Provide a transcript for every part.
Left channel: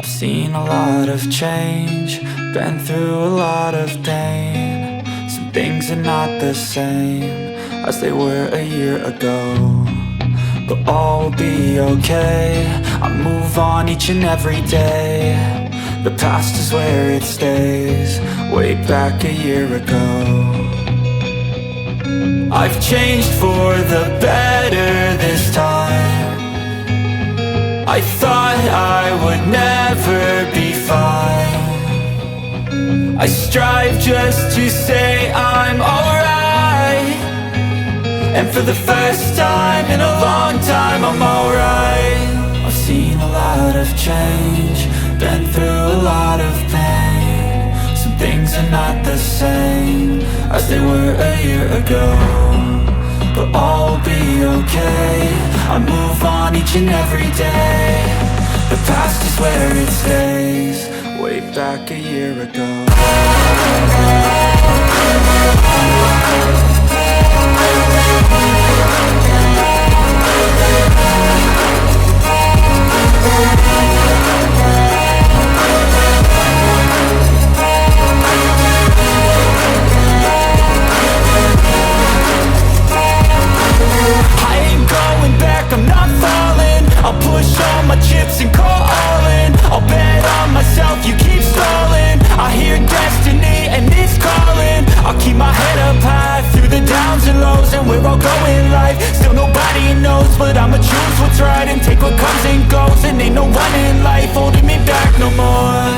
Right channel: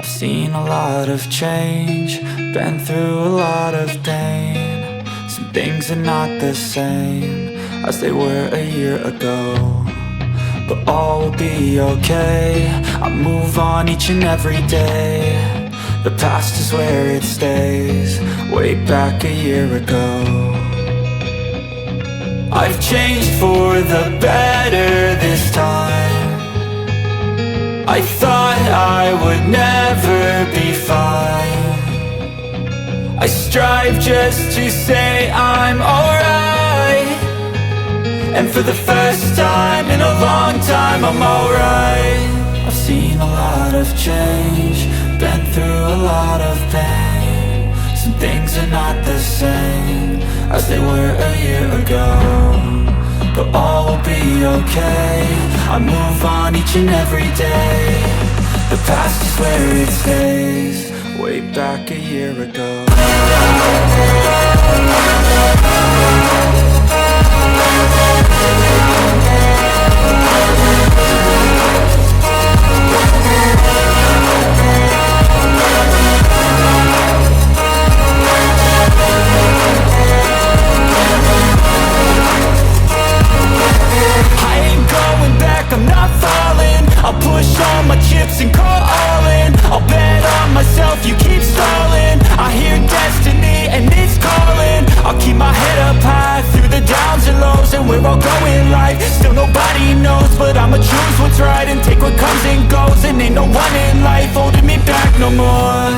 I've seen a lot of change, been through a lot of pain. Some things are not the same as they were a year ago, but all will be okay. I move on each and every day. The past is where it stays, way back a year ago. I've changed for the better this time. I thought I would never be fine. I strive just to say I'm alright, and for the first time in a long time I'm alright. I've seen a lot of change, been through a lot of pain. Some things are not the same as they were a year ago, but all will be okay. I move on each and every day. The past is where it stays, way back a year ago. I'm not falling, I'll push all my chips and call all in. I'll bet on myself, you keep stalling. I hear destiny and it's calling. I'll keep my head up high through the downs and lows, and we're all going life. Still nobody knows, but I'ma choose what's right and take what comes and goes. And ain't no one in life holding me back no more.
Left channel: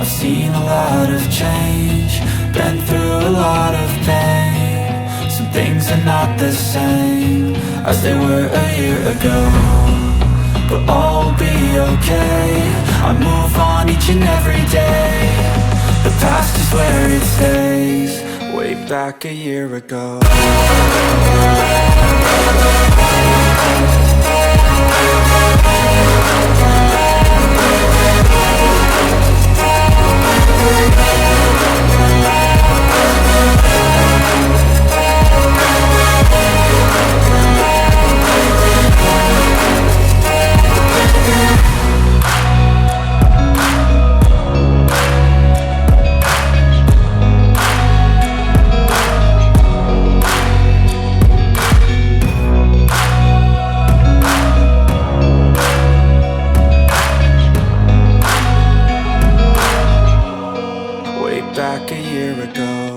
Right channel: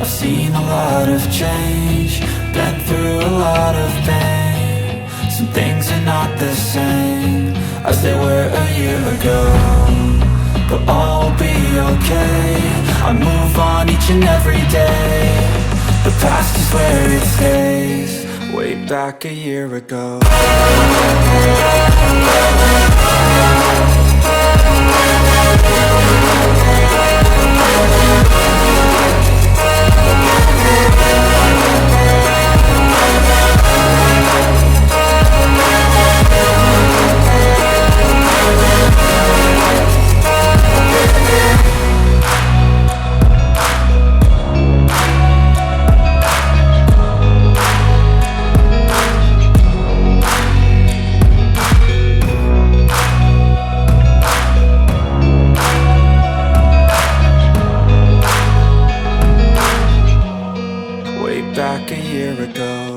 I've seen a lot of change, been through a lot of pain. Some things are not the same as they were a year ago, but all will be okay. I move on each and every day. The past is where it stays, way back a year ago. Back a year ago.